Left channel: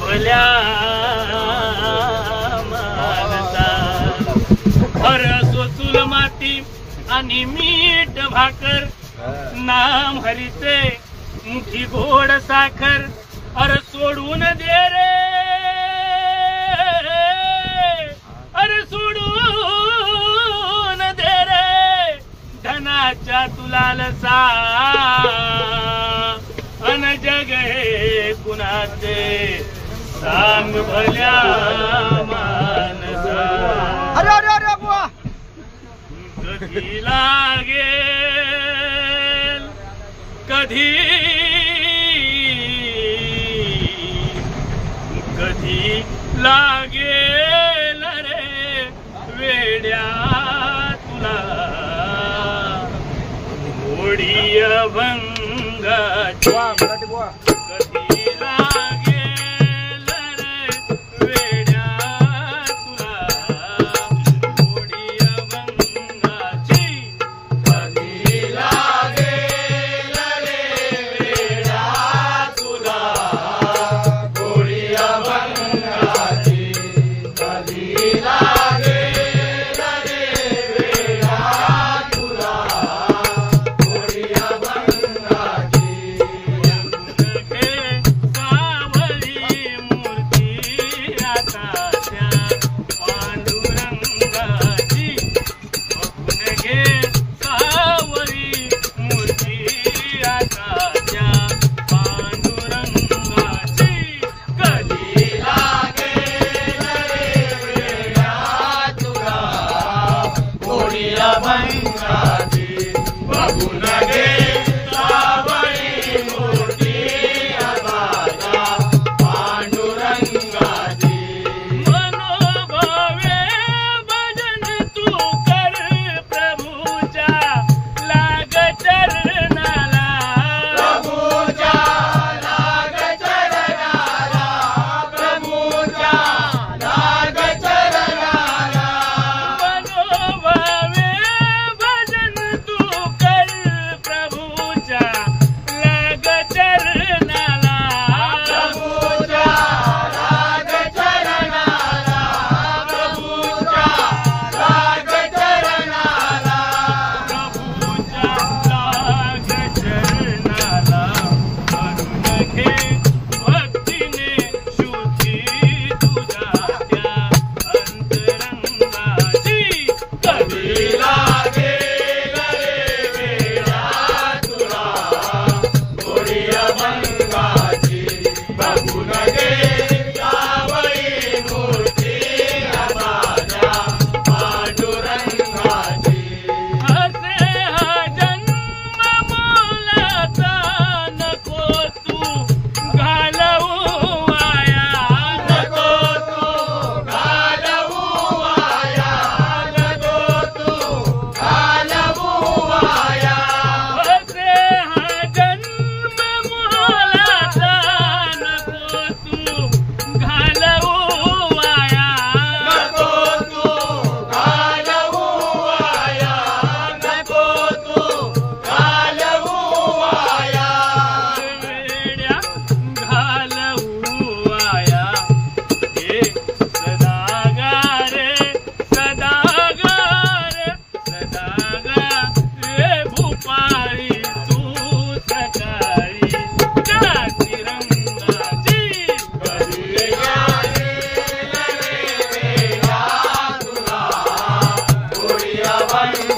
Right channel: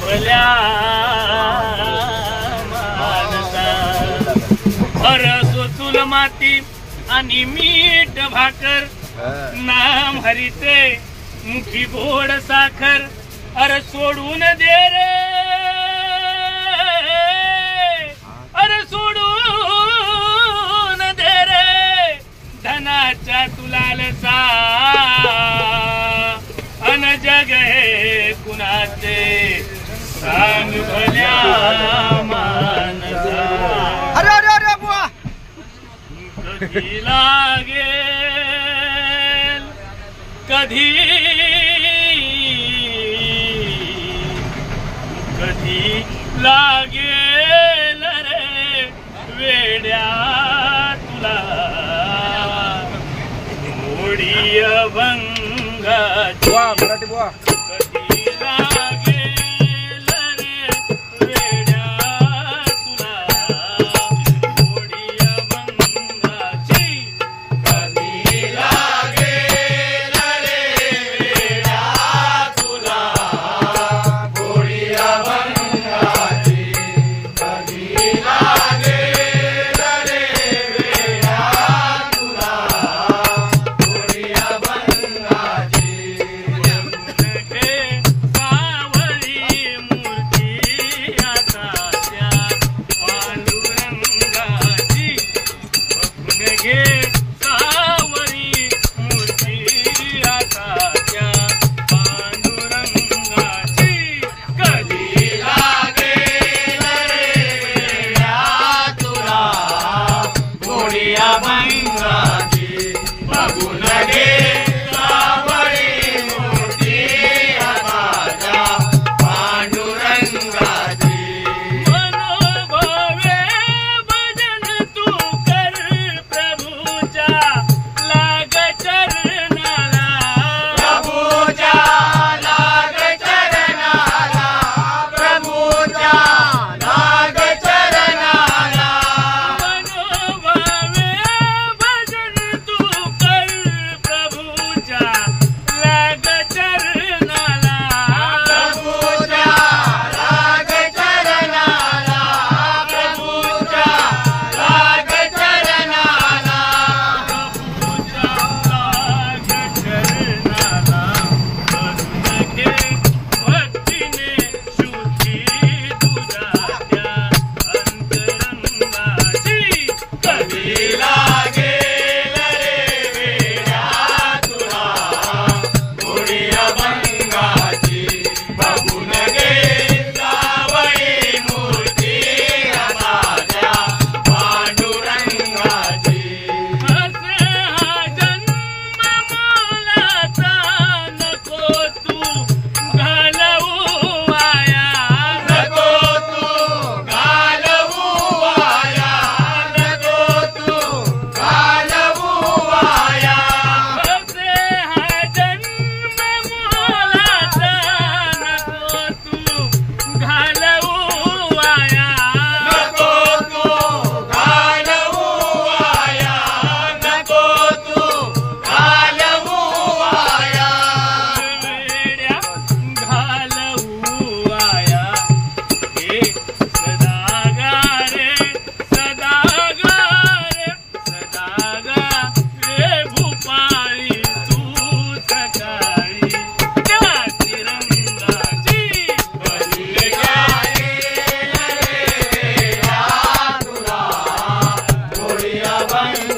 भल्या मानसा अरसो चुल माती आणि मीठ भाकर नाम हरीचे मुठी गोड साखर अरे सोडून दे रे अरे सोडून दे रे धनाच्या तुलालसा अन जग हे कुणाचे सांग भल्या मानसा अरे अरे अरे बुवा कधी लागेल कधी कधी लागेल रे वेड्या तुला मोडी अभंगाची कधी लागेल रे वेड्या तुला मोडी अभंगाची कधी लागेल रे वेड्या तुला मोडी अभंगाची कधी लागेल रे वेड्या तुला मोडी अभंगाची सावळी मूर्ती आता त्या पांडुरंगाची बघून घे सावळी मूर्ती आता त्या पांडुरंगाची कधी लागेल रे वेड्या तुला मोडी अभंगाची बघून घे सावळी मूर्ती आता त्या पांडुरंगाची मनोभावे भजन तू कर प्रभूच्या लाग चरणाला प्रभूच्या लाग चरणाला प्रभूच्या लाग चरणाला मनोभावे भजन तू कर प्रभूच्या लाग चरणाला प्रभूच्या लाग चरणाला प्रभूच्या लाग चरणाला प्रभूच्या लाग चरणाला करून घे भक्तीने शुद्धी तुझ्या त्या अंतरंगाची कधी लागेल रे वेड्या तुला मोडी अभंगाची बघून घे सावळी मूर्ती आता त्या पांडुरंगाची असे हा जन्म मोलाचा नको तू घालवू वाया नको तू घालवू वाया नको तू घालवू वाया असे हा जन्म मोलाचा नको तू घालवू वाया नको तू घालवू वाया नको तू घालवू वाया वेड्या घालवू वाया हे सदागा रे सदागा रे सदागा रे भूपाळी तू सकाळी त्या तिरंगाची कधी लागेल रे वेड्या तुला मोडी अभंगाची